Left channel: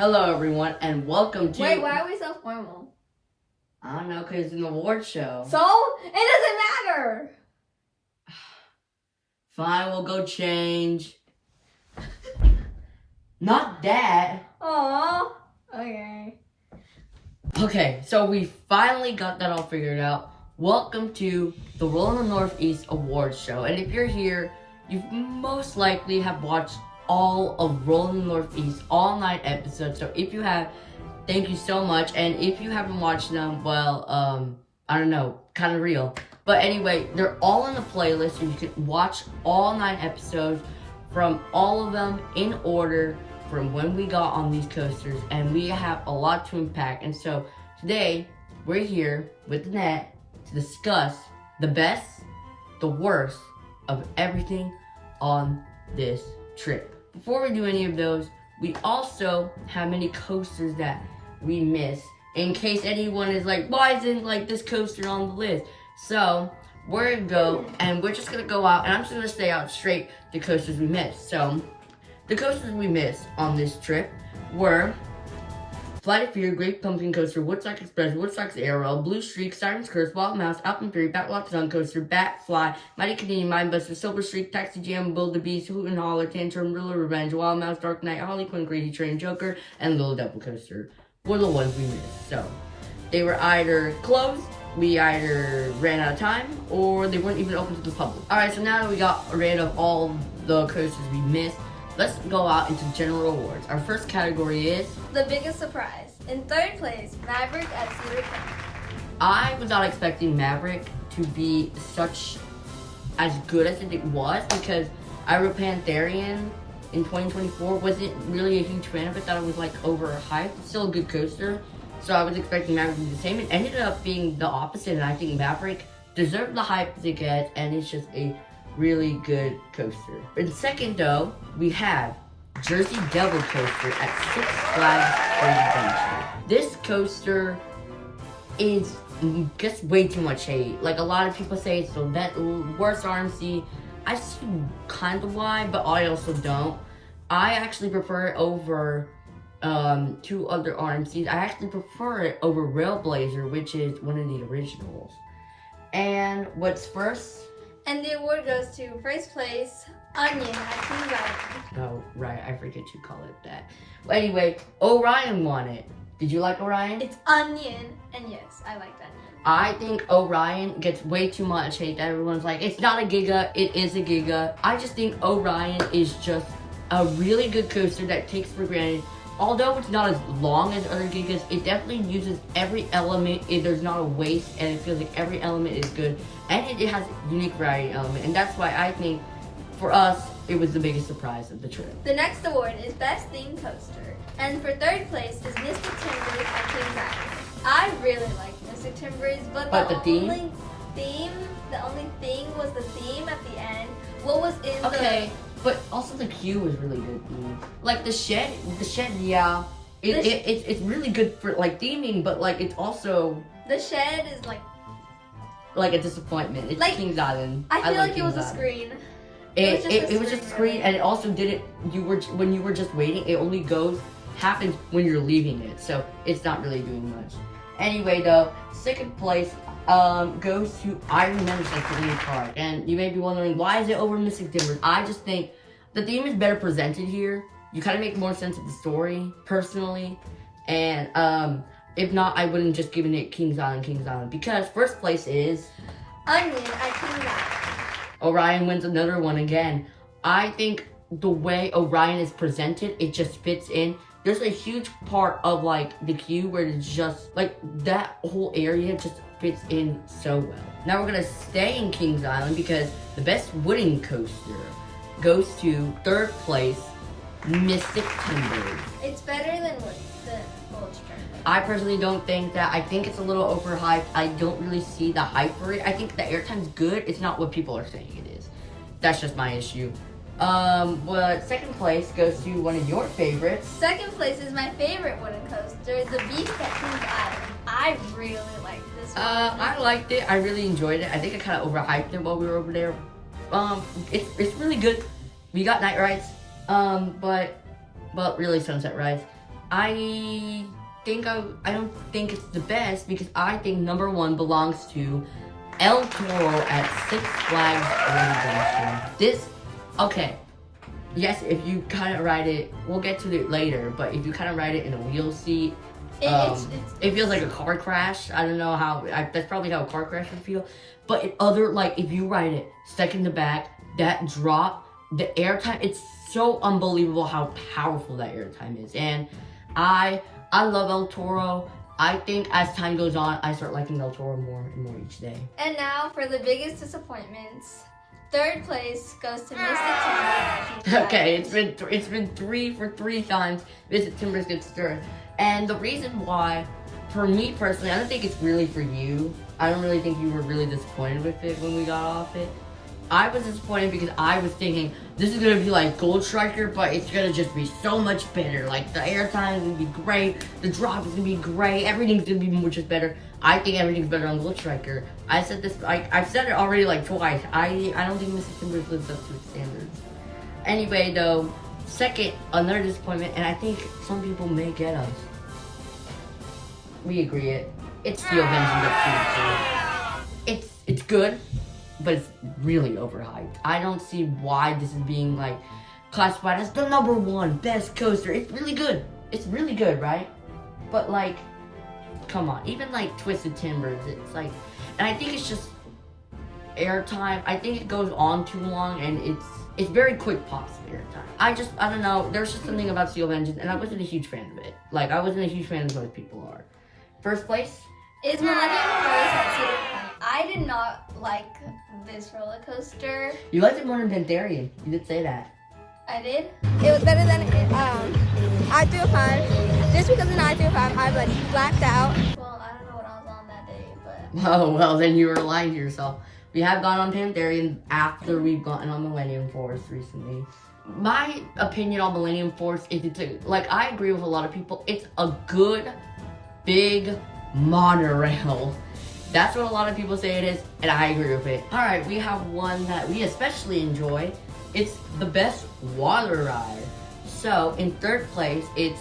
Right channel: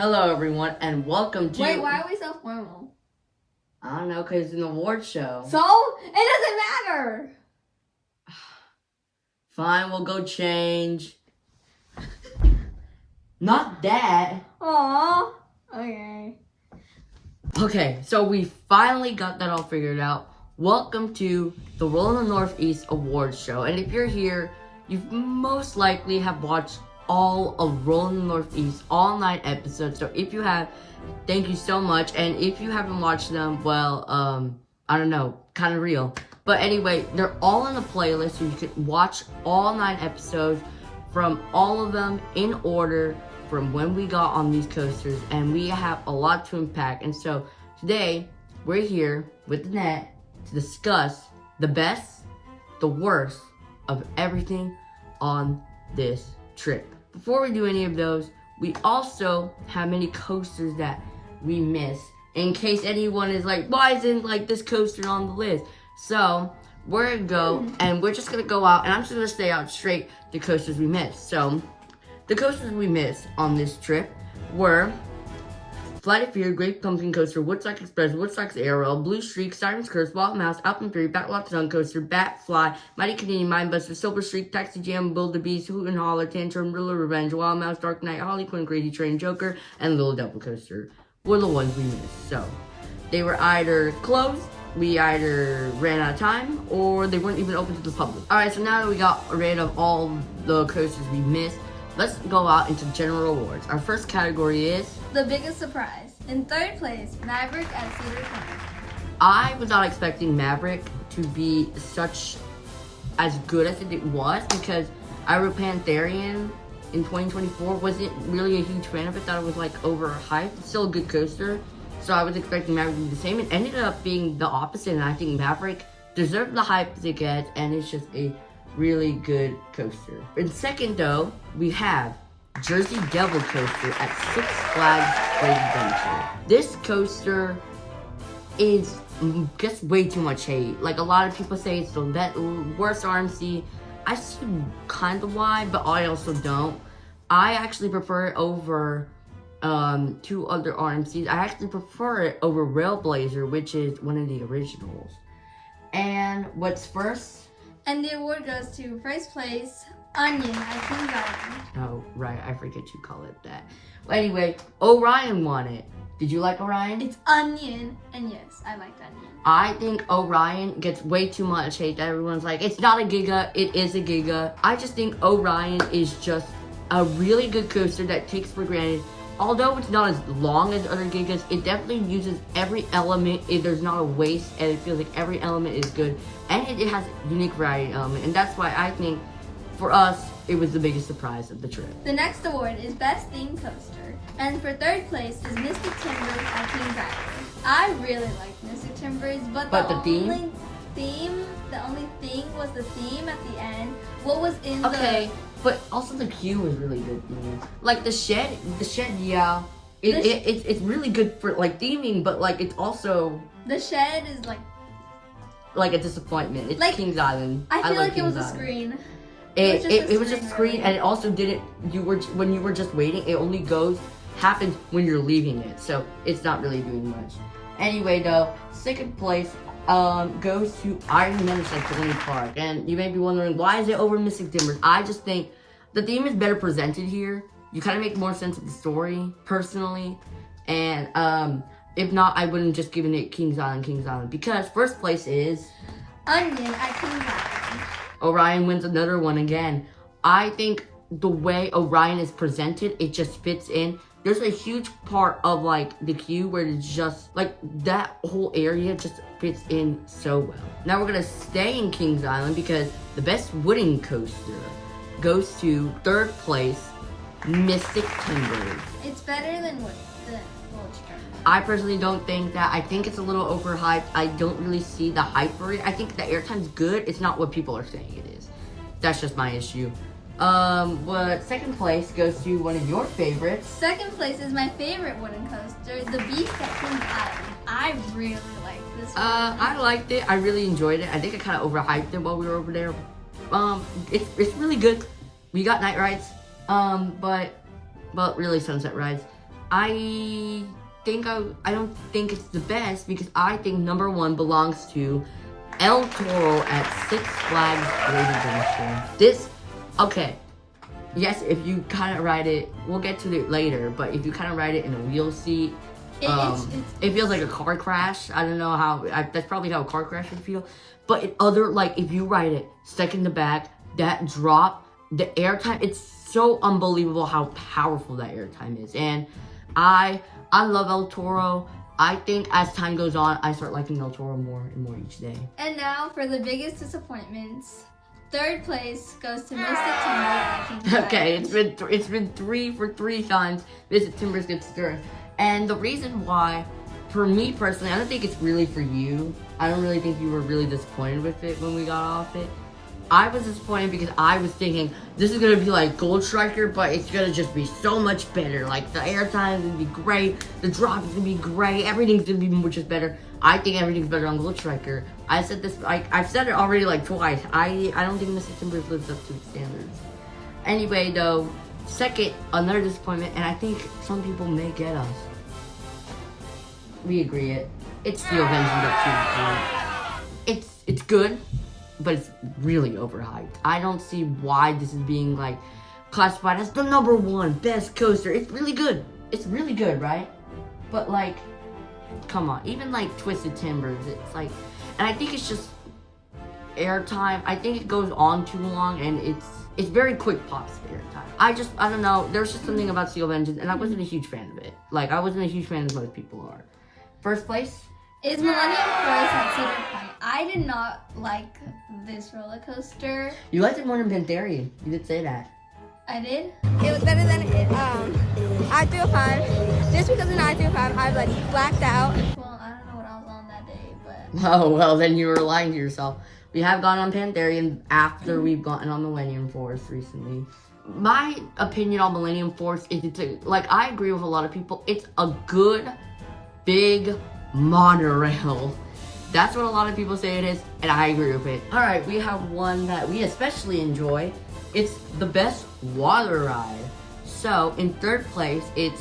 Hello, everyone, and welcome to... Wait, why are we so formal? I don't know, because it's an award show. So? It doesn't matter! Fine, we'll go change. Not that. Aww. Okay. Okay, so we finally got that all figured out. Welcome to the Rollin The Northeast Awards show. And if you're here, you most likely have watched all of Rollin The Northeast all 9 episodes. So if you have, thank you so much. And if you haven't watched them, well, I don't know, kind of real. But anyway, they're all in the playlist, so you can watch all 9 episodes from all of them in order from when we got on these coasters. And we have a lot to unpack. And so today, we're here with Annette to discuss the best, the worst of everything on this trip. Before we do any of those, we also have many coasters that we missed, in case anyone is like, why isn't like this coaster on the list? So we're gonna go, and we're just gonna go out, and I'm just gonna stay out straight the coasters we missed. So the coasters we missed on this trip were Flight of Fear, Great Pumpkin Coaster, Woodstock Express, Woodstock's Arrow, Blue Streak, Siren's Curse, Wild Mouse, Alpine 3, Batwalk Sun Coaster, Bat Fly, Mighty Canadian Mindbuster, Silver Streak, Taxi Jam, Bull the Beast, Hoot and Holler, Tantrum, Riddler Revenge, Wild Mouse, Dark Knight, Harley Quinn, Crazy Train, Joker, and Little Devil Coaster were the ones we missed. So they were either closed, we either ran out of time, or they weren't even open to the public. Alright, so now that we got rid of all the coasters we missed, let's go out into general awards. Our first category is the biggest surprise. In 3rd place, Maverick at Cedar Point. I was not expecting Maverick to be as good as it was, because I wrote Pantherian in 2024. Wasn't really a huge fan of it. Thought it was like overhyped. It's still a good coaster, so I was expecting Maverick to be the same. It ended up being the opposite, and I think Maverick deserved the hype it gets, and it's just a really good coaster. In 2nd, though, we have Jersey Devil Coaster at Six Flags Great Adventure. This coaster is just way too much hate. Like, a lot of people say it's the worst RMC. I see kind of why, but I also don't. I actually prefer it over 2 other RMCs. I actually prefer it over Railblazer, which is one of the originals. And what's first? And the award goes to 1st place, Onion at Kings Island. Oh, right. I forget you call it that. But anyway, Orion won it. Did you like Orion? It's Onion, and yes, I like that. I think Orion gets way too much hate. Everyone's like, it's not a Giga, it is a Giga. I just think Orion is just a really good coaster that takes for granted. Although it's not as long as other Gigas, it definitely uses every element. There's not a waste, and it feels like every element is good. And it has a unique variety element, and that's why I think, for us, it was the biggest surprise of the trip. The next award is Best Themed Coaster, and for 3rd place is Mystic Timbers at Kings Island. I really liked Mystic Timbers, but the only thing was the theme at the end. What was in Okay, but also the queue was really good theme. Like the shed, yeah. It's really good for like theming, but like it's also the shed is like a disappointment. It's like Kings Island. I feel like it was Kings a Island. screen. It was just a screen, and it also didn't. When you were just waiting, it only happens when you're leaving it, so it's not really doing much. Anyway, though, 2nd place goes to Iron Menace at Disney Park, and you may be wondering, why is it over Mystic Timbers? I just think the theme is better presented here. You kind of make more sense of the story, personally, and if not, I wouldn't just given it Kings Island, because 1st place is Onion at Kings Island. Orion wins another one again. I think the way Orion is presented, it just fits in. There's a huge part of like the queue where it's just like that whole area just fits in so well. Now we're gonna stay in Kings Island because the best wooden coaster goes to 3rd place, Mystic Timbers. It's better than Old Timbers. I personally don't think that. I think it's a little overhyped. I don't really see the hype for it. I think the airtime's good. It's not what people are saying it is. That's just my issue. But 2nd place goes to one of your favorites. 2nd place is my favorite wooden coaster, the Beast at Kings Island. I really like this one. I liked it. I really enjoyed it. I think I kind of overhyped it while we were over there. It's really good. We got night rides. But really sunset rides. I don't think it's the best because I think number 1 belongs to El Toro at Six Flags Great Adventure. Okay. Yes, if you kind of ride it, we'll get to it later, but if you kind of ride it in a wheel seat, it feels like a car crash. I don't know how, that's probably how a car crash would feel. But if you ride it second to back, that drop, the airtime, it's so unbelievable how powerful that airtime is. And I love El Toro. I think as time goes on, I start liking El Toro more and more each day. And now for the biggest disappointments. Third place goes to Mystic Timber. Okay, it's been 3 for 3 times Mystic Timbers gets third. And the reason why, for me personally, I don't think it's really for you. I don't really think you were really disappointed with it when we got off it. I was disappointed because I was thinking this is gonna be like Gold Striker, but it's gonna just be so much better. Like the airtime is gonna be great, the drop is gonna be great, everything's gonna be much better. I think everything's better on Gold Striker. I said this, I've said it already like twice. I don't think Mystic Timbers lives up to its standards. Anyway though, second, another disappointment, and I think some people may get us. We agree it. It's Steel Vengeance up 2. It's good, but it's really overhyped. I don't see why this is being like classified as the number 1 best coaster. It's really good. It's really good, right? But like, come on, even like Twisted Timbers, it's like, and I think it's just airtime. I think it goes on too long, and it's very quick pops of airtime. I don't know. There's just something about Steel Vengeance, and I wasn't a huge fan of it. Like, I wasn't a huge fan as most people are. First place is Millennium Force at Cedar Point. I did not like this roller coaster. You liked it more than Pantherian. You did say that. I did. It was better than I-305. Just because in I-305 I like blacked out. Well, I don't know what I was on that day, but. Oh, well, then you were lying to yourself. We have gone on Pantherian after we've gotten on Millennium Force recently. My opinion on Millennium Force is like, I agree with a lot of people. It's a good, big monorail. That's what a lot of people say it is, and I agree with it. All right, we have one that we especially enjoy. It's the best water ride. So, in third place, it's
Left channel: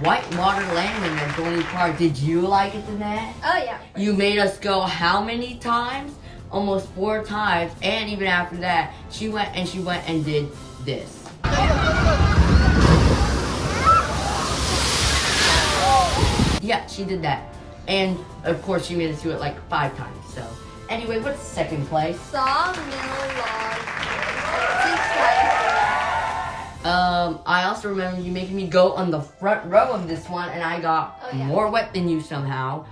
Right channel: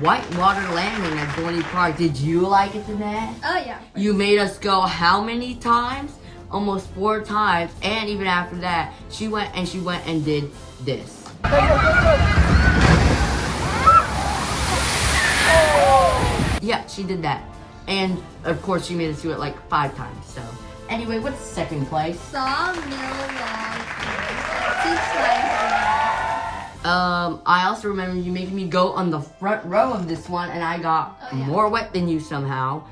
Whitewater Landing at Dorney Park. Did you like it, Jeanette? Oh, yeah. You made us go how many times? Almost 4 times. And even after that, she went and did this. Yeah, she did that. And, of course, she made us do it like 5 times, so. Anyway, what's second place? I also remember you making me go on the front row of this one, and I got more wet than you somehow.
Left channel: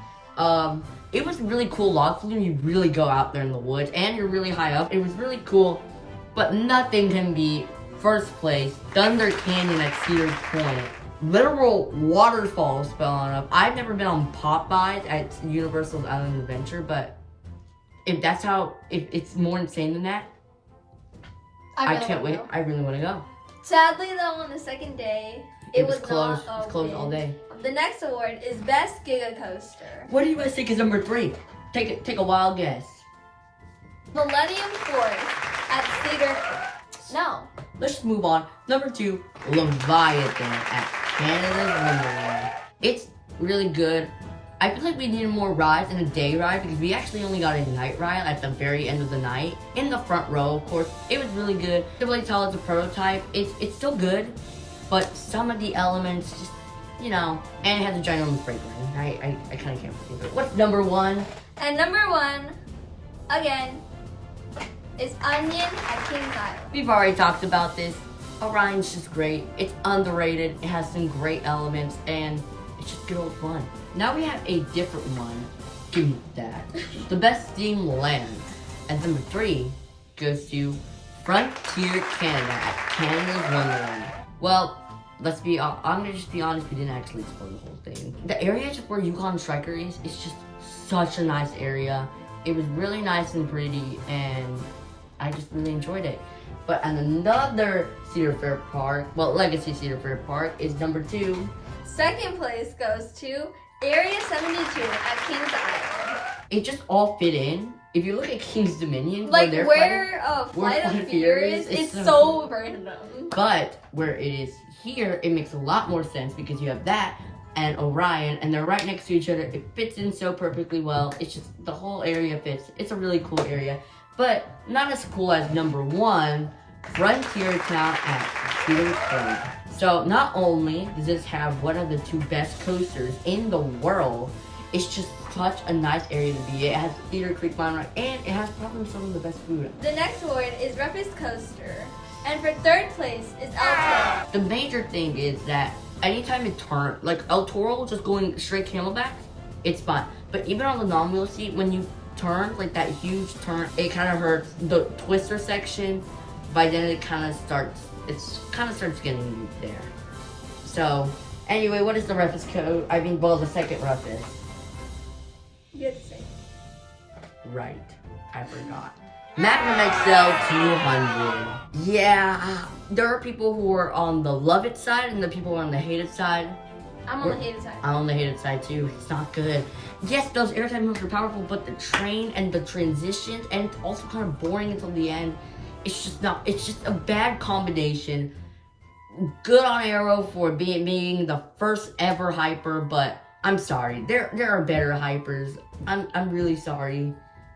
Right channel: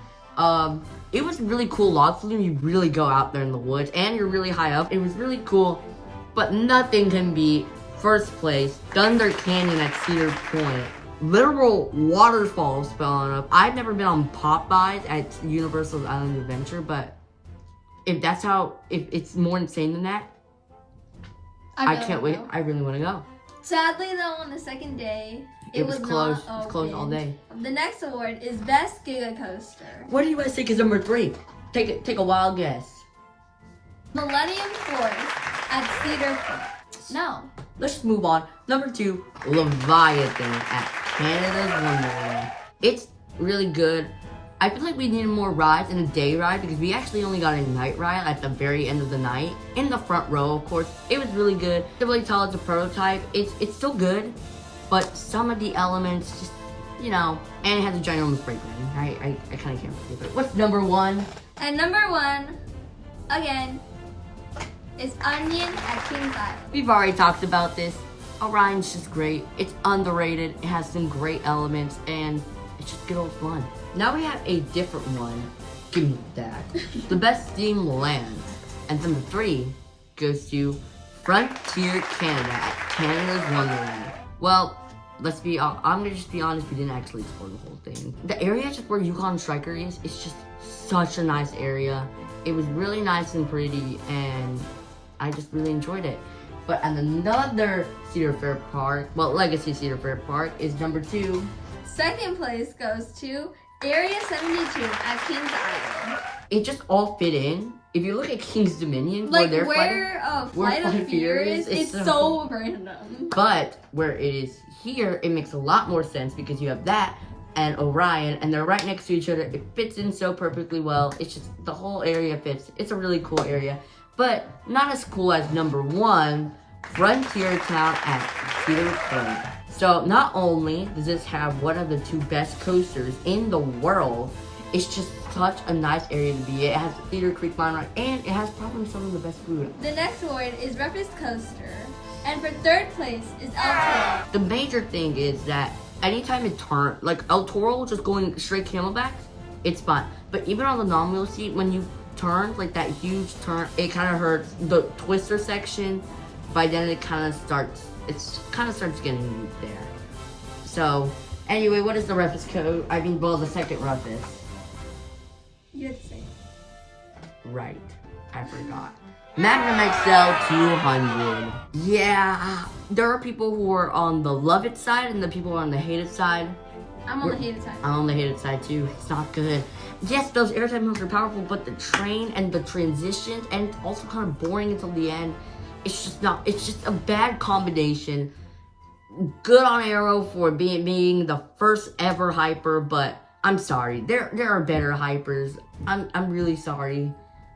It was really cool log flume. You really go out there in the woods, and you're really high up. It was really cool, but nothing can beat first place, Thunder Canyon at Cedar Point. Literal waterfalls spelling up. I've never been on Popeyes at Universal's Island Adventure, but if that's how, if it's more insane than that, I can't wait. I really want to go. Sadly, though, on the second day, it was closed. not It's closed all day. The next award is Best Giga Coaster. What do you guys think is number 3? Take a wild guess. Millennium Force at Cedar Point. No. Let's just move on. Number 2, Leviathan at Canada's Wonderland. It's really good. I feel like we needed more rides in a day ride because we actually only got a night ride at the very end of the night. In the front row, of course. It was really good. To really tell it's a prototype. It's still good, but some of the elements just, you know, and it has a ginormous brake line. I kind of can't believe it. What's number 1? And number 1, again, is Onion at Kings Island. We've already talked about this. Orion's just great. It's underrated. It has some great elements, and it's just good old fun. Now we have a different one. Give me that. The best steam land. And number 3 goes to Frontier Canada at Canada's Wonderland. Well, I'm gonna just be honest, we didn't actually explore the whole thing. The area just where Yukon Striker is, it's just such a nice area. It was really nice and pretty, and I just really enjoyed it. But another Cedar Fair Park, well, Legacy Cedar Fair Park is number 2. Second place goes to Area 72 at Kings Island. It just all fit in. If you look at King's Dominion, like where Flight of Fear is, it's so random. But where it is here, it makes a lot more sense because you have that and Orion, and they're right next to each other. It fits in so perfectly well. It's just, the whole area fits. It's a really cool area, but not as cool as number 1, Frontier Town at Cedar Point. So not only does this have one of the 2 best coasters in the world, it's just such a nice area to be. It has Cedar Creek Mine Ride, and it has probably some of the best food. The next award is Roughest Coaster, and for 3rd place is El Toro. The major thing is that anytime it turns, like El Toro just going straight camelbacks, it's fine. But even on the non-wheel seat, when you turn, like that huge turn, it kind of hurts. The twister section, by then it kind of starts getting you there. So, anyway, what is the roughest the second roughest? You have to say. Right, I forgot. Magnum XL 200. Yeah, there are people who are on the love it side and the people who are on the hate it side. I'm on the hated side. I'm on the hated side too. It's not good. Yes, those airtime moves are powerful, but the train and the transitions, and it's also kind of boring until the end. It's just a bad combination. Good on Arrow for being the first ever hyper, but I'm sorry. There are better hypers. I'm really sorry.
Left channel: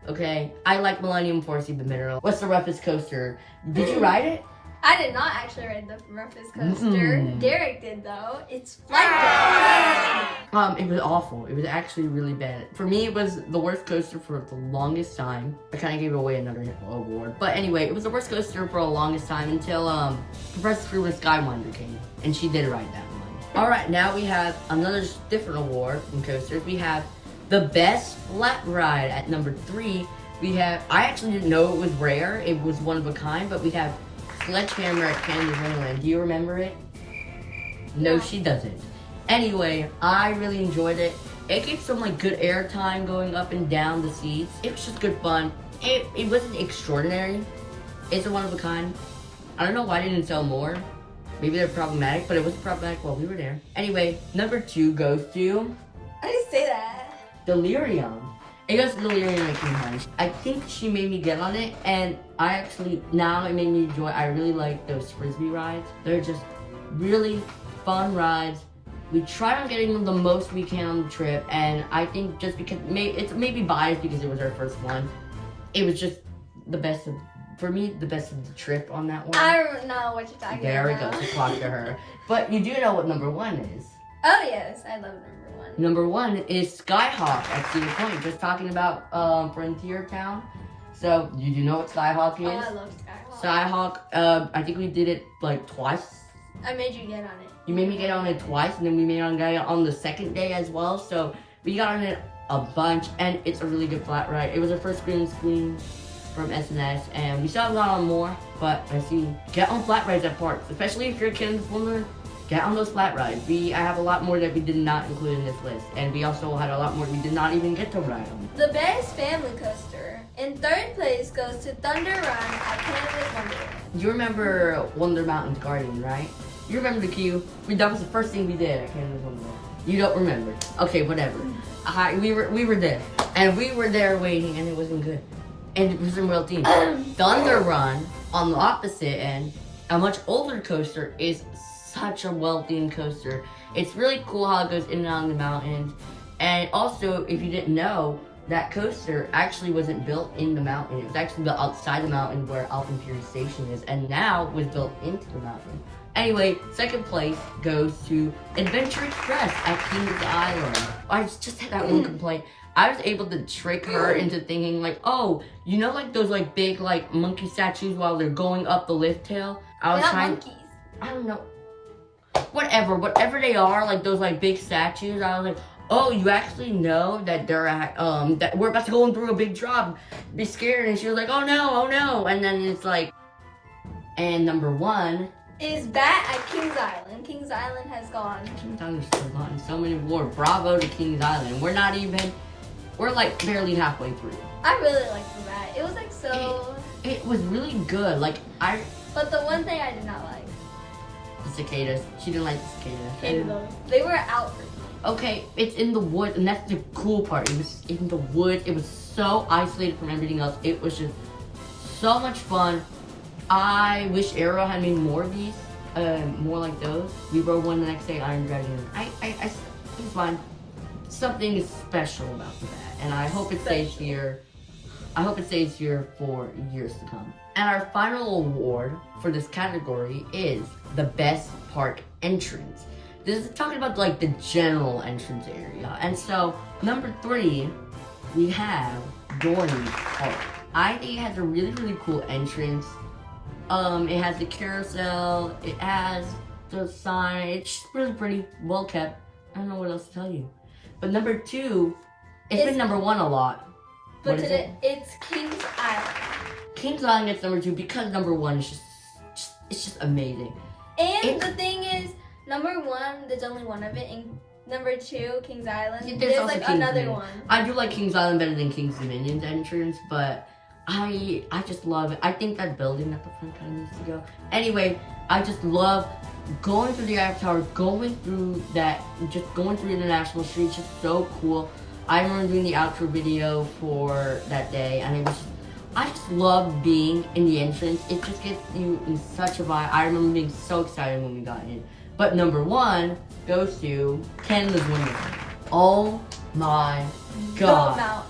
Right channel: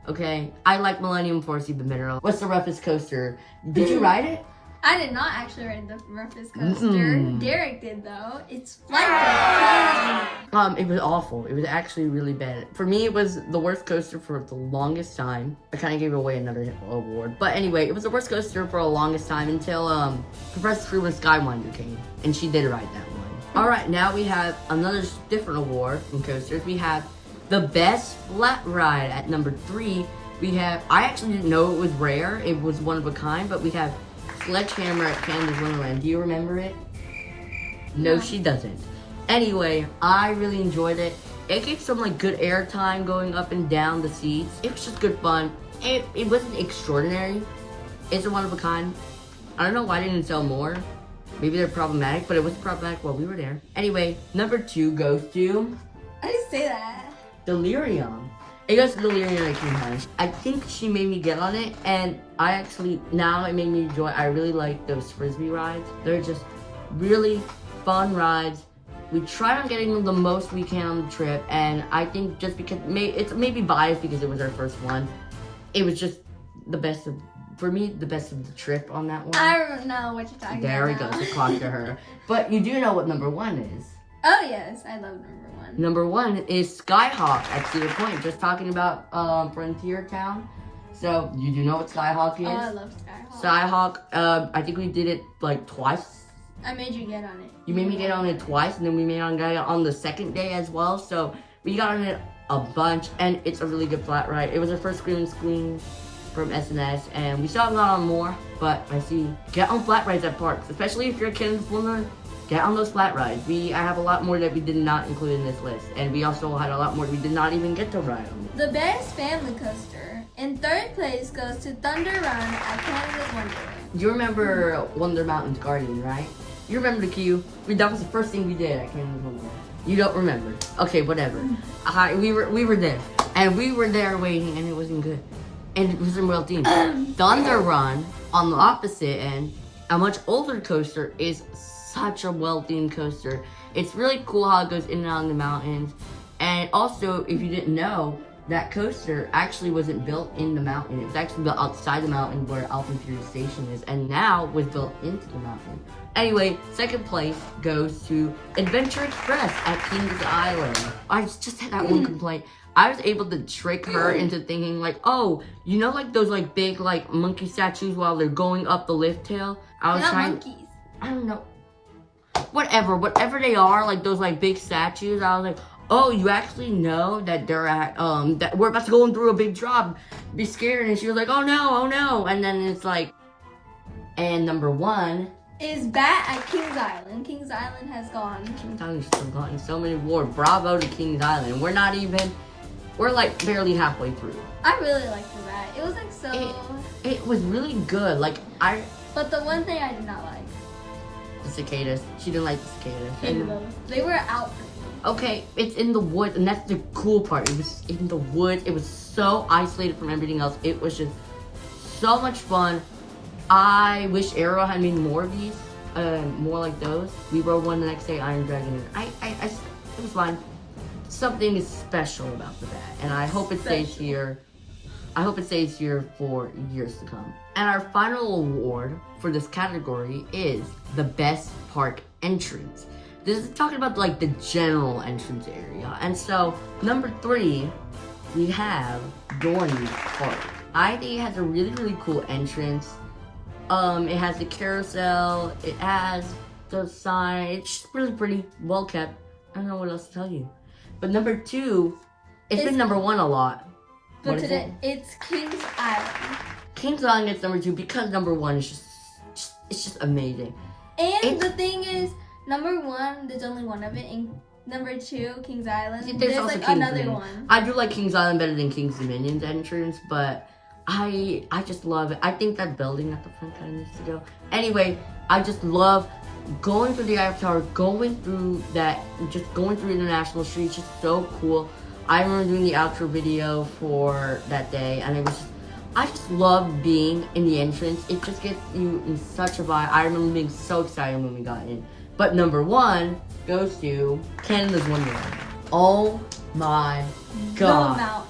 Okay, I like Millennium Force even better. What's the roughest coaster? Did you ride it? I did not actually ride the roughest coaster. Derek did though. It's flat. It was awful. It was actually really bad. For me, it was the worst coaster for the longest time. I kind of gave away another award, but anyway, it was the worst coaster for the longest time until Professor Freeman Skywinder came, and she did ride that one. All right, now we have another different award from coasters. We have the best flat ride at number 3. We have, I actually didn't know it was rare. It was one of a kind, but we have Sledgehammer at Canada's Wonderland. Do you remember it? No, she doesn't. Anyway, I really enjoyed it. It gave some like good air time going up and down the seats. It was just good fun. It wasn't extraordinary. It's a one of a kind. I don't know why they didn't sell more. Maybe they're problematic, but it wasn't problematic while we were there. Anyway, number 2 goes to I didn't say that. Delirium. It goes to Delirium at King High. I think she made me get on it, and I actually, now it made me enjoy. I really like those Frisbee rides. They're just really fun rides. We try on getting them the most we can on the trip, and I think just because, it's maybe biased because it was our first one, it was just the best of, for me, the best of the trip on that one. I don't know what you're talking there about. There we go, to talk to her. But you do know what number 1 is. Oh yes, I love number 1. Number 1 is Skyhawk at Cedar Point. Just talking about Frontier Town. So you do know what Skyhawk is? Oh, I love Skyhawk. Skyhawk, I think we did it like twice. I made you get on it. You made me get on it twice, and then we made it on the second day as well. So we got on it a bunch, and it's a really good flat ride. It was our first green screen from SNS, and we still have got on more, but I see, get on flat rides at parks, especially if you're a kid in the formula. Get on those flat rides. I have a lot more that we did not include in this list. And we also had a lot more we did not even get to ride on. The best family coaster in 3rd place goes to Thunder Run at Canada's Wonderland. You remember Wonder Mountain's Guardian, right? You remember the queue? That was the first thing we did at Canada's Wonderland. You don't remember. Okay, whatever. We were there. And we were there waiting, and it wasn't good. And it wasn't well themed. Thunder Run, on the opposite end, a much older coaster, is such a well-themed coaster. It's really cool how it goes in and out of the mountains. And also, if you didn't know, that coaster actually wasn't built in the mountain. It was actually built outside the mountain where Alpine Fury Station is, and now was built into the mountain. Anyway, 2nd place goes to Adventure Express at Kings Island. I just had that one complaint. I was able to trick her into thinking like, oh, you know, like those like big like monkey statues while they're going up the lift tail? I was trying. Monkeys. I don't know. Whatever they are, like those like big statues. I was like, oh, you actually know that they're at, that we're about to go through a big drop. Be scared. And she was like, oh no. And then it's like, and number 1 is Bat at Kings Island. Kings Island has gone. Kings Island's still gotten so many awards. Bravo to Kings Island. We're like barely halfway through. I really liked the Bat. It was like so. It was really good. But the one thing I did not like. The cicadas. She didn't like the cicadas. They were out. Okay, it's in the woods, and that's the cool part. It was in the woods. It was so isolated from everything else. It was just so much fun. I wish Arrow had made more of these. more like those. We rode one the next day, Iron Dragon. It was fun. Something is special about that, and I hope it stays here. I hope it stays here for years to come. And our final award for this category is the best park entrance. This is talking about like the general entrance area. And so number 3, we have Dorney Park. I think it has a really, really cool entrance. It has the carousel. It has the sign. It's just really pretty, well kept. I don't know what else to tell you. But number 2, it's been number 1 a lot. But today, it's Kings Island. Kings Island gets number 2 because number 1 is just amazing. And the thing is, number 1, there's only one of it, and number 2, Kings Island, there's like another one. I do like Kings Island better than Kings Dominion's entrance, but I just love it. I think that building at the front kind of needs to go. Anyway, I just love going through the Eiffel Tower, going through International Street. It's just so cool. I remember doing the outro video for that day, and I just love being in the entrance. It just gets you in such a vibe. I remember being so excited when we got in. But number 1 goes to Canada's Wonderland. Oh my god.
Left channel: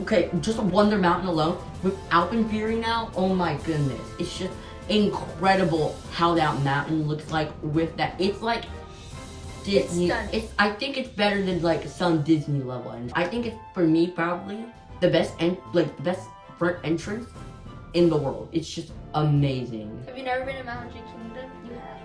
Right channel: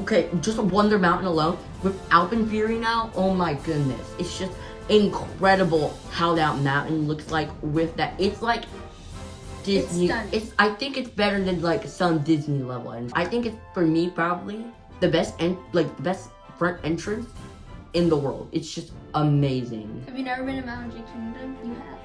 Okay, just Wonder Mountain alone, with Alpenfury now, oh my goodness. It's just incredible how that mountain looks like with that. It's like Disney. I think it's better than like some Disney level. And I think it's, for me, probably the best front entrance in the world. It's just amazing. Have you never been to Magic Kingdom? You have.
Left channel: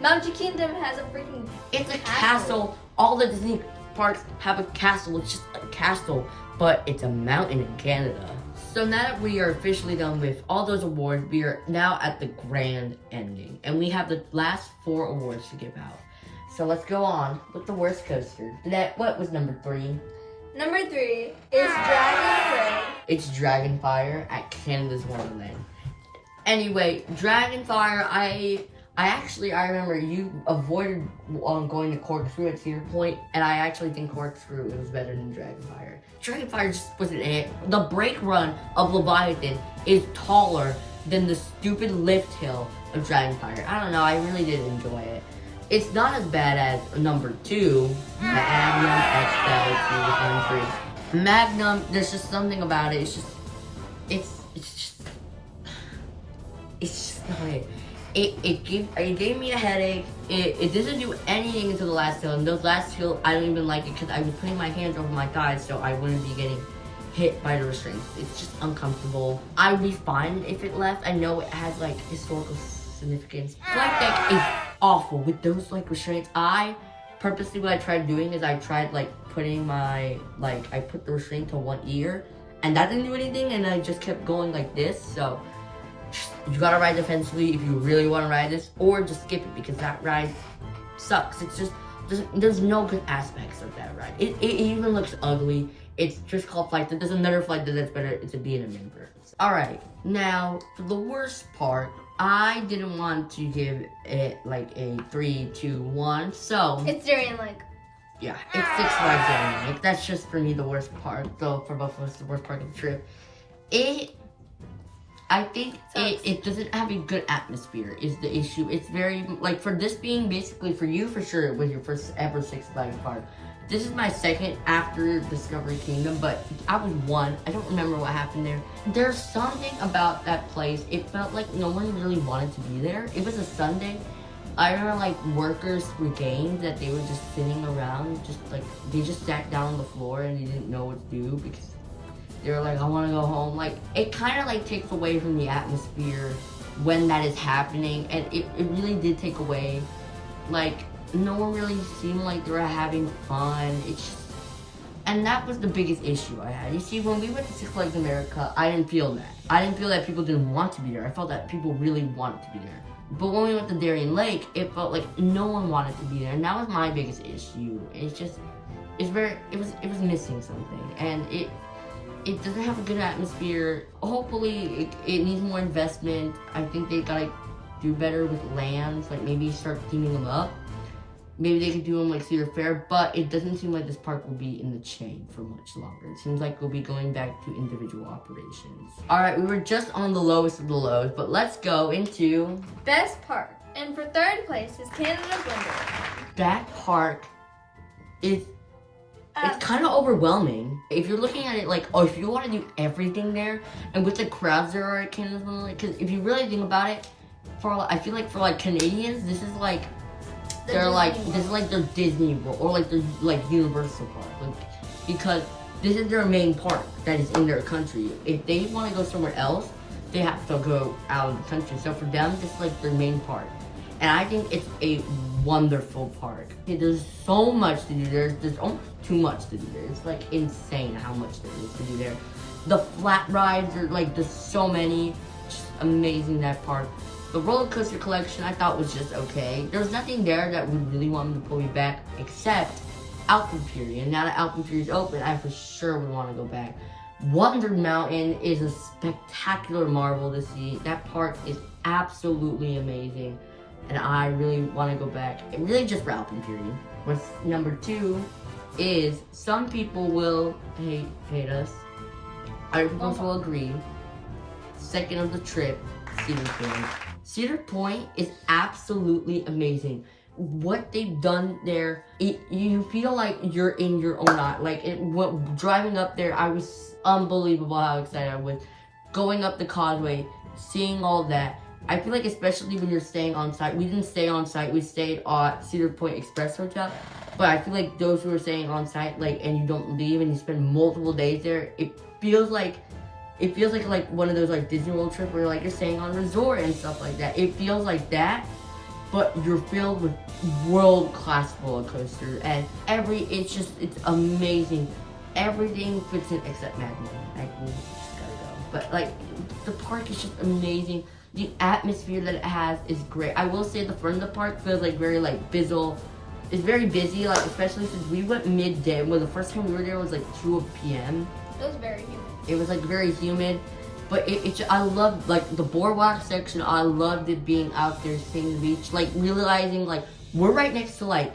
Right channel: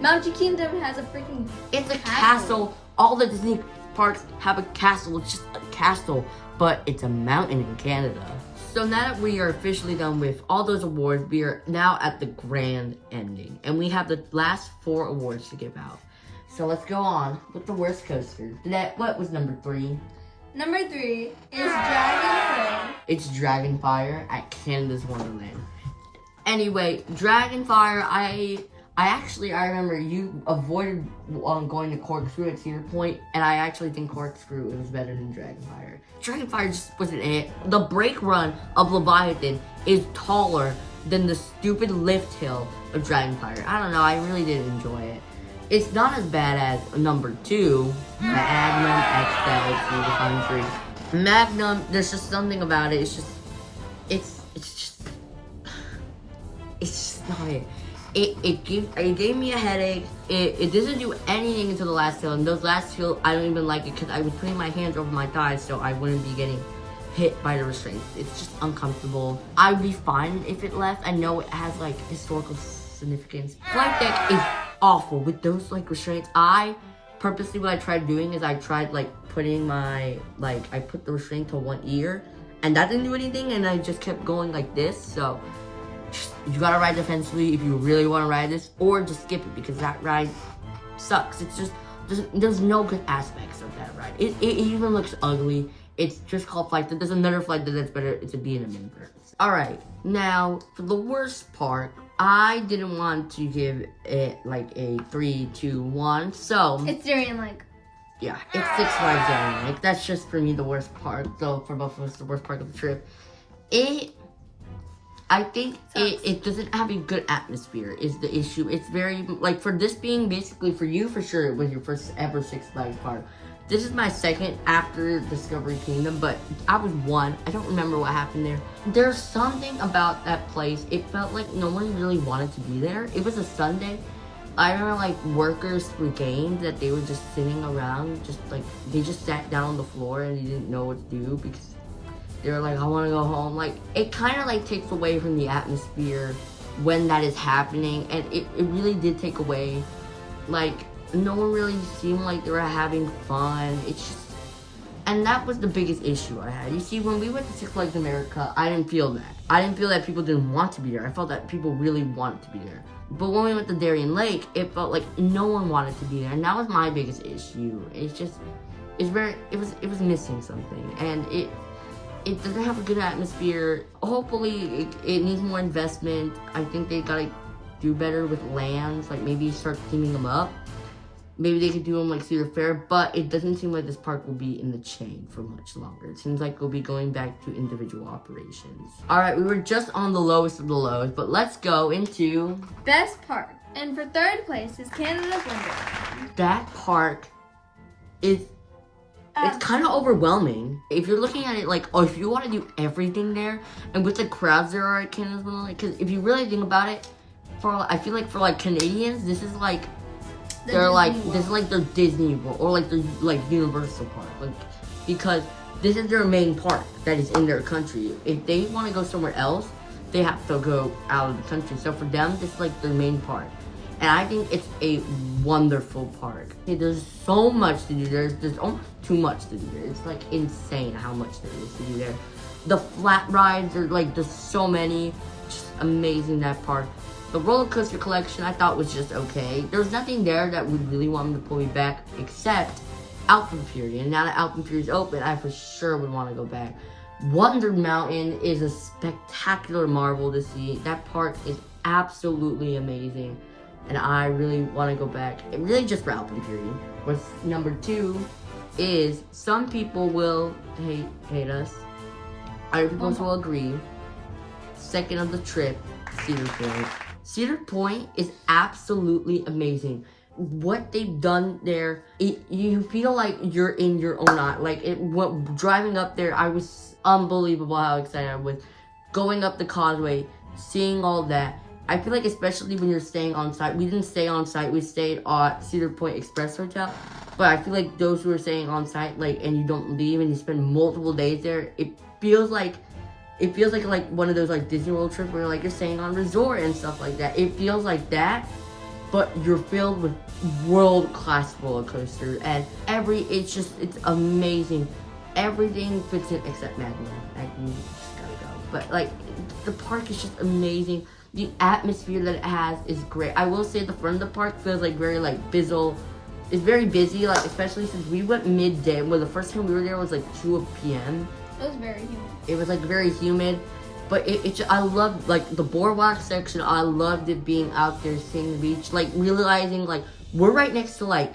Magic Kingdom has a freaking It's a castle. All the Disney parks have a castle. It's just a castle, but it's a mountain in Canada. So now that we are officially done with all those awards, we are now at the grand ending. And we have the last 4 awards to give out. So let's go on with the worst coaster. What was number 3? Number 3 is Dragonfire. It's Dragonfire at Canada's Wonderland. Anyway, Dragonfire, I remember you avoided going to Corkscrew at Cedar Point, and I actually think Corkscrew was better than Dragonfire. Dragonfire just wasn't it. The brake run of Leviathan is taller than the stupid lift hill of Dragonfire. I don't know, I really did enjoy it. It's not as bad as number 2, Magnum XL through the country. Magnum, there's just something about it. It's just not it. It gave me a headache. It doesn't do anything until the last hill. And those last hill, I don't even like it because I was putting my hands over my thighs so I wouldn't be getting hit by the restraints. It's just uncomfortable. I'd be fine if it left. I know it has like historical significance. Flight deck is awful with those like restraints. I purposely, what I tried doing is I tried like putting I put the restraint to one ear, and that didn't do anything, and I just kept going like this. So you gotta ride defensively if you really want to ride this, or just skip it because that ride sucks. It's just there's no good aspects of that ride. It even looks ugly. It's just called Flight Deck. There's another Flight Deck that's better. It's a B&M member. All right, now for the worst part, I didn't want to give it like a 3, 2, 1. So it's Darien Lake. Yeah, it's 6 Flags Darien Lake. That's just for me the worst part. So for both of us, the worst part of the trip. I think it doesn't have a good atmosphere is the issue. It's very, like, for this being basically for you, for sure, it was your first ever Six Flags park. This is my second after Discovery Kingdom, but I was 1. I don't remember what happened there. There's something about that place. It felt like no one really wanted to be there. It was a Sunday. I remember, like, workers were games that they were just sitting around, just, like, they just sat down on the floor and they didn't know what to do because they were like, I want to go home. Like, it kind of, like, takes away from the atmosphere when that is happening. And it really did take away, like, no one really seemed like they were having fun. It's just, and that was the biggest issue I had. You see, when we went to Six Flags America, I didn't feel that. I didn't feel that people didn't want to be there. I felt that people really wanted to be there. But when we went to Darien Lake, it felt like no one wanted to be there. And that was my biggest issue. It's just, it was missing something. And it doesn't have a good atmosphere. Hopefully, it needs more investment. I think they gotta do better with lands. Like, maybe start cleaning them up. Maybe they could do them like Cedar Fair, but it doesn't seem like this park will be in the chain for much longer. It seems like we'll be going back to individual operations. All right, we were just on the lowest of the lows, but let's go into best park. And for third place is Canada's Wonderland. That park is it's kind of overwhelming. If you're looking at it like, oh, if you want to do everything there, and with the crowds there are at Canada's Wonderland, because if you really think about it, I feel like for like Canadians, this is like this is like their Disney World or like their like Universal Park, like because this is their main park that is in their country. If they want to go somewhere else, they have to go out of the country. So for them, this is like their main park. And I think it's a wonderful park. There's so much to do there. There's almost too much to do there. It's like insane how much there is to do there. The flat rides are like, there's so many. Just amazing, that park. The roller coaster collection I thought was just okay. There's nothing there that would really want me to pull me back except Alpine Fury. And now that Alpine Fury is open, I for sure would want to go back. Wonder Mountain is a spectacular marvel to see. That park is absolutely amazing. And I really want to go back, and really just for Alpine Fury. What's number 2 is some people will hate us. Other people will agree. Second of the trip, Cedar Point. Cedar Point is absolutely amazing. What they've done there, you feel like you're in your own eye. Like driving up there, I was unbelievable how excited I was. Going up the causeway, seeing all that. I feel like especially when you're staying on site, we didn't stay on site, we stayed at Cedar Point Express Hotel, but I feel like those who are staying on site, like, and you don't leave and you spend multiple days there, it feels like one of those like Disney World trips where like you're staying on a resort and stuff like that. It feels like that, but you're filled with world-class roller coasters, and it's amazing. Everything fits in except Magma. Magma, just gotta go. But like, the park is just amazing. The atmosphere that it has is great. I will say the front of the park feels like very like bizzle. It's very busy, like especially since we went midday. Well, the first time we were there was like 2 p.m. It was very humid. It was like very humid, but I loved like the boardwalk section. I loved it being out there seeing the beach, like realizing like we're right next to like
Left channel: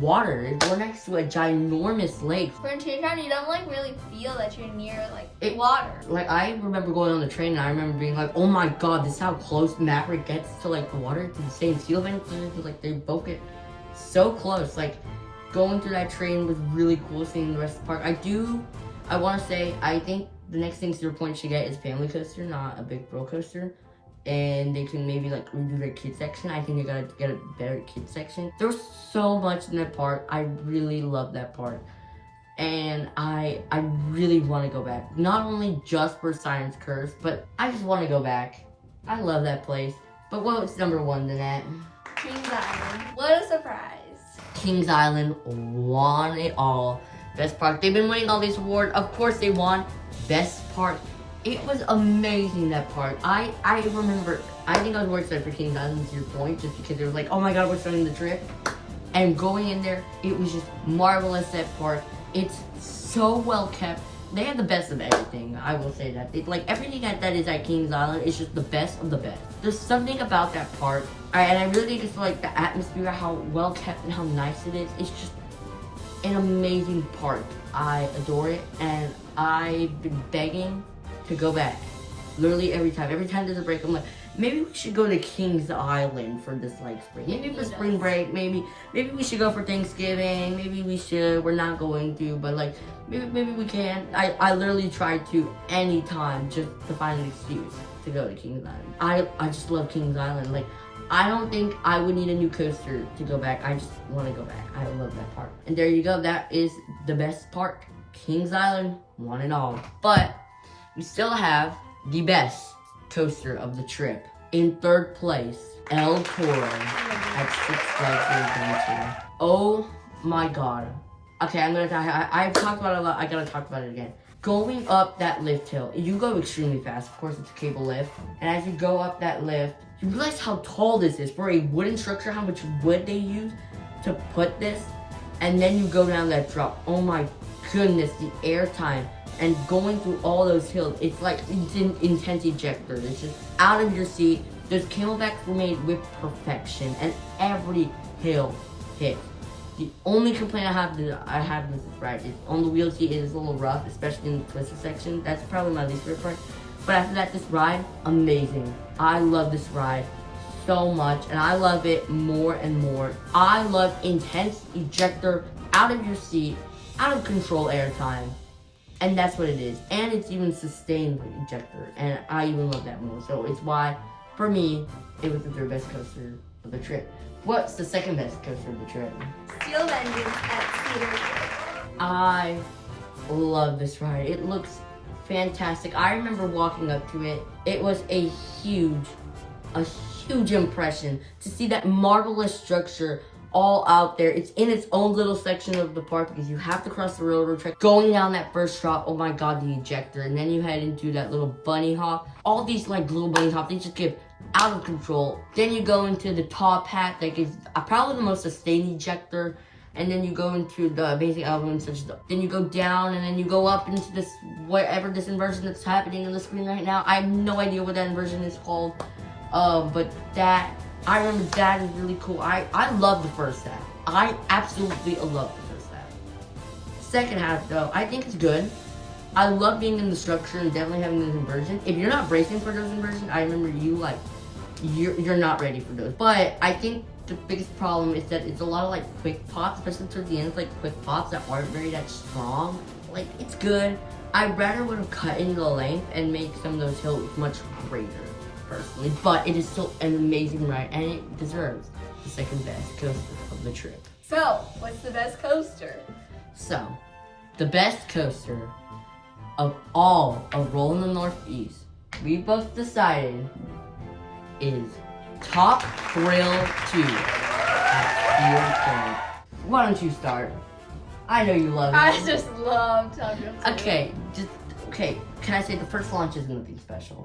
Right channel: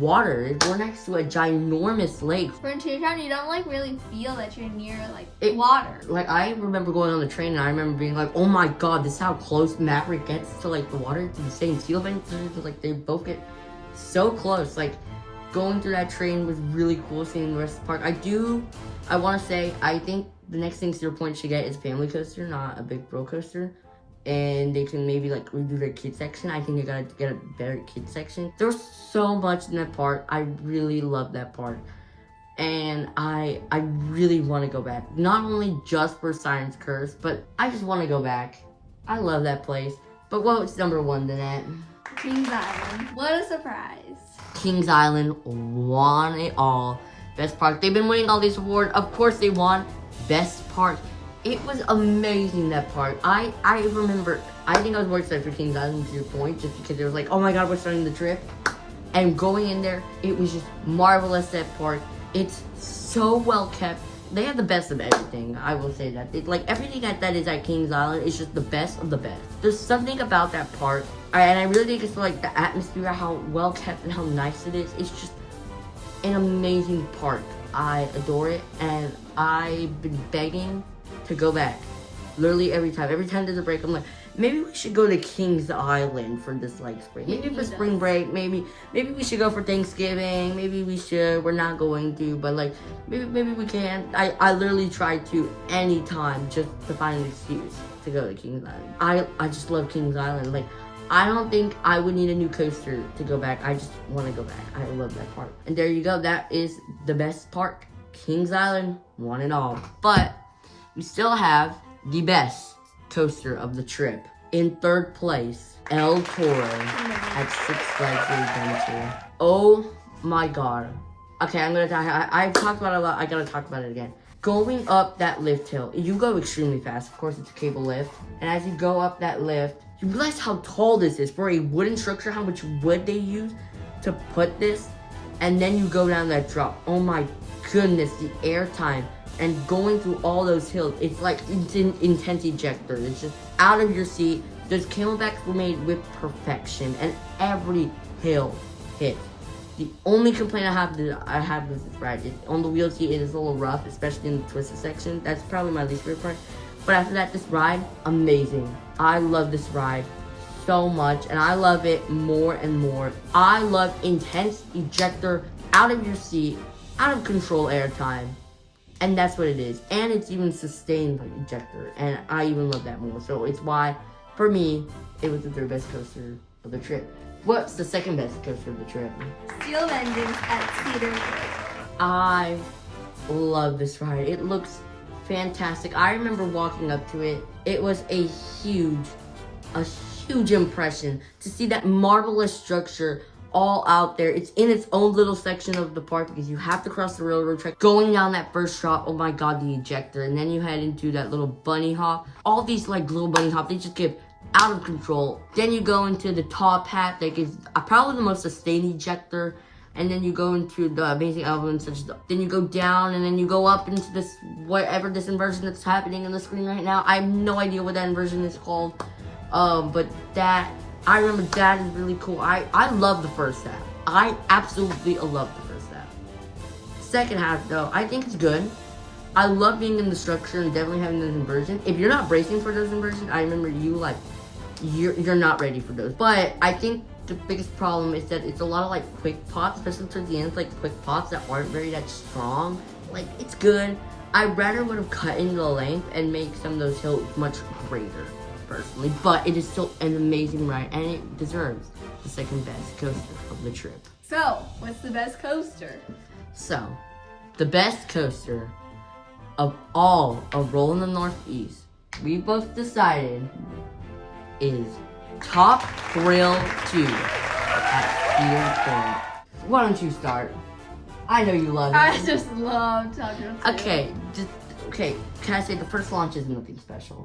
water. We're next to a ginormous lake. For in Toontown, you don't like really feel that you're near like water. Like I remember going on the train and I remember being like, oh my god, this is how close Maverick gets to like the water, to the same steel bank. Like they both get so close. Like going through that train was really cool, seeing the rest of the park. I want to say, I think the next thing Cedar Point should get is family coaster, not a big roller coaster. And they can maybe like redo their kids section. I think they gotta get a better kids section. There's so much in that park. I really love that park. And I really want to go back. Not only just for Science Curse, but I just want to go back. I love that place. But what's number 1, Nanette? Kings Island. What a surprise. Kings Island won it all. Best park. They've been winning all these awards. Of course they won best park. It was amazing, that park. I remember, I think I was more excited for Kings Island to your point, just because it was like, oh my god, we're starting the trip. And going in there, it was just marvelous, that park. It's so well kept. They have the best of everything, I will say that. Like everything that is at Kings Island is just the best of the best. There's something about that park, and I really think it's like the atmosphere, how well kept and how nice it is. It's just an amazing park. I adore it, and I've been begging to go back. Literally every time there's a break, I'm like, maybe we should go to Kings Island for this like spring. Maybe for spring break, maybe we should go for Thanksgiving, maybe we should. We're not going to, but like maybe we can. I literally try to anytime just to find an excuse to go to Kings Island. I just love Kings Island. Like I don't think I would need a new coaster to go back. I just want to go back. I love that park. And there you go. That is the best park. Kings Island won it all. But we still have the best coaster of the trip. In third place, El Toro at Six Flags Adventure. Oh my god. Okay, I've talked about it a lot. I gotta talk about it again. Going up that lift hill, you go extremely fast. Of course, it's a cable lift. And as you go up that lift, you realize how tall this is. For a wooden structure, how much wood they use to put this. And then you go down that drop. Oh my goodness, the air time. And going through all those hills, it's like it's an intense ejector. It's just out of your seat. Those camelbacks were made with perfection, and every hill hit. The only complaint I have with this ride is on the wheel seat. It is a little rough, especially in the twisted section. That's probably my least favorite part. But after that, this ride, amazing. I love this ride so much, and I love it more and more. I love intense ejector, out of your seat, out of control airtime. And that's what it is. And it's even sustained ejector. And I even love that more. So it's why, for me, it was the third best coaster of the trip. What's the second best coaster of the trip? Steel Engines at Cedar Point. I love this ride. It looks fantastic. I remember walking up to it. It was a huge impression to see that marvelous structure all out there. It's in its own little section of the park because you have to cross the railroad track. Going down that first drop, oh my god, the ejector, and then you head into that little bunny hop. All these like little bunny hops, they just get out of control. Then you go into the top hat that is probably the most sustained ejector, and then you go into the amazing elements. Then you go down, and then you go up into this whatever this inversion that's happening on the screen right now. I have no idea what that inversion is called, but that. I remember that is really cool. I love the first half. I absolutely love the first half. Second half, though, I think it's good. I love being in the structure and definitely having those inversions. If you're not bracing for those inversions, I remember you're not ready for those. But I think the biggest problem is that it's a lot of like quick pops, especially towards the end. It's like quick pops that aren't very that strong. Like, it's good. I rather would have cut into the length and make some of those hills much greater, personally, but it is still an amazing ride and it deserves the second best coaster of the trip. So, what's the best coaster? So, the best coaster of all of Rollin The Northeast, we both decided is Top Thrill 2 at Cedar Point. Why don't you start? I know you love it. I just love Top Thrill 2. Okay, can I say the first launch is nothing special?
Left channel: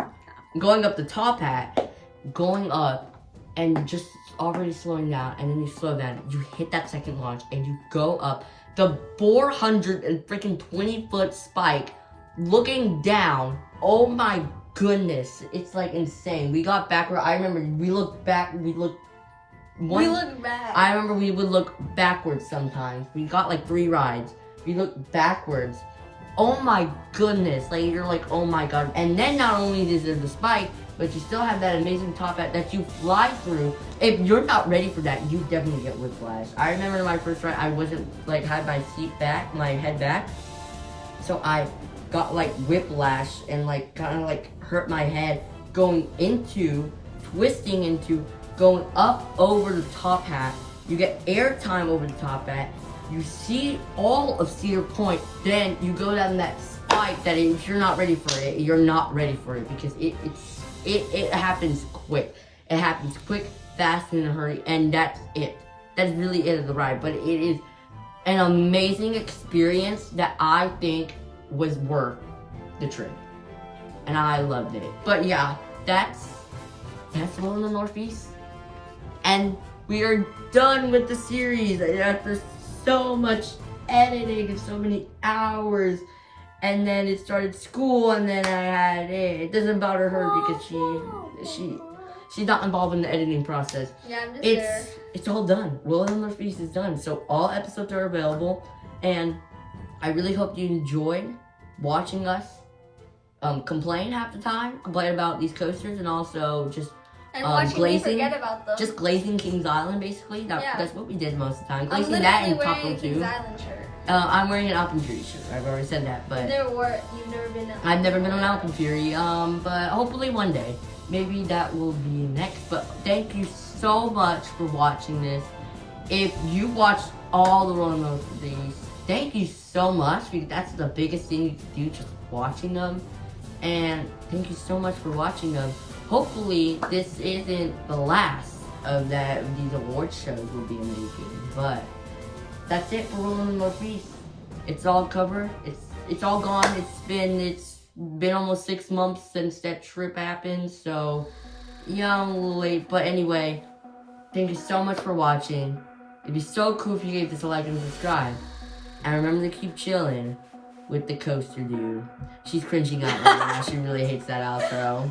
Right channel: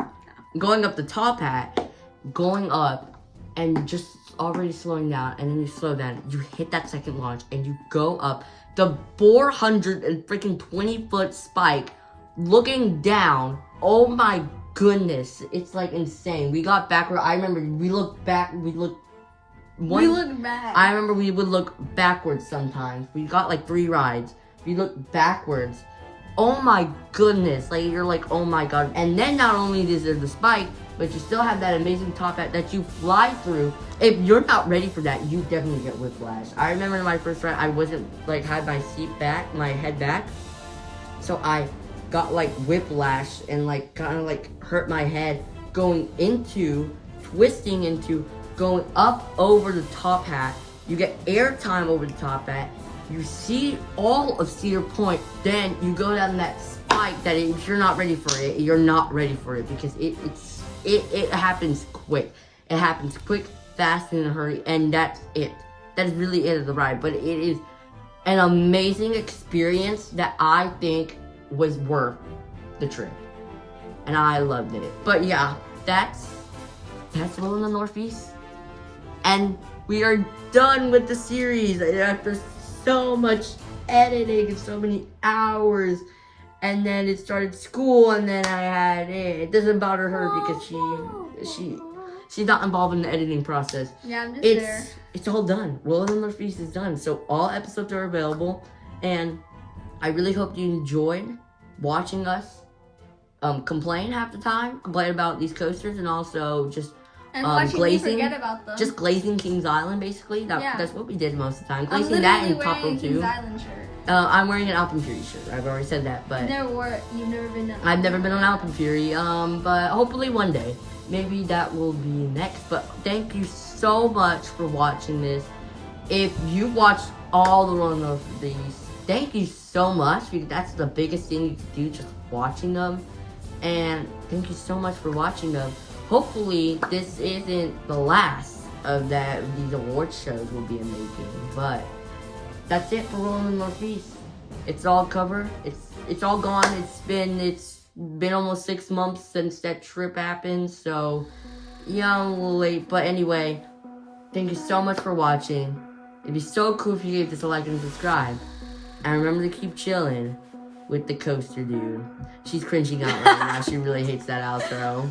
Going up the top hat, going up, and just already slowing down, and then you slow down, you hit that second launch, and you go up the 420-foot spike, looking down. Oh my goodness, it's like insane. We got backward. I remember we looked back. We look back. I remember we would look backwards sometimes. We got like 3 rides. We looked backwards. Oh my goodness, like you're like, oh my god. And then not only is there the spike, but you still have that amazing top hat that you fly through. If you're not ready for that, you definitely get whiplash. I remember my first ride, I wasn't like had my seat back, my head back. So I got like whiplash and like kind of like hurt my head twisting into, going up over the top hat. You get airtime over the top hat. You see all of Cedar Point, then you go down that spike that if you're not ready for it, you're not ready for it because it happens quick. It happens quick, fast, and in a hurry, and that's it. That's really it of the ride, but it is an amazing experience that I think was worth the trip, and I loved it. But yeah, that's Rollin The Northeast, and we are done with the series after so much editing and so many hours, and then it started school, and then I had it doesn't bother her because she's not involved in the editing process. Yeah, I'm just there. It's all done. Rollin The Northeast is done, so all episodes are available, and I really hope you enjoyed watching us complain half the time, complain about these coasters, and also just watching me forget about them. Just glazing Kings Island, basically. That's what we did most of the time. I'm Glazing that and wearing Top Thrill 2. Kings Island shirt. I'm wearing an Alpenfury shirt. I've already said that, but You've never been. I've never been on Alpenfury. But hopefully one day, maybe that will be next. But thank you so much for watching this. If you watched all the Rollin of these, thank you so much. That's the biggest thing you can do, just watching them. And thank you so much for watching them. Hopefully, this isn't the last of these award shows we'll be making, but that's it for Rollin The Northeast. It's all covered. It's all gone. It's been almost 6 months since that trip happened, so yeah, I'm a little late. But anyway, thank you so much for watching. It'd be so cool if you gave this a like and subscribe. And remember to keep chilling with the coaster dude. She's cringing out right now. She really hates that outro.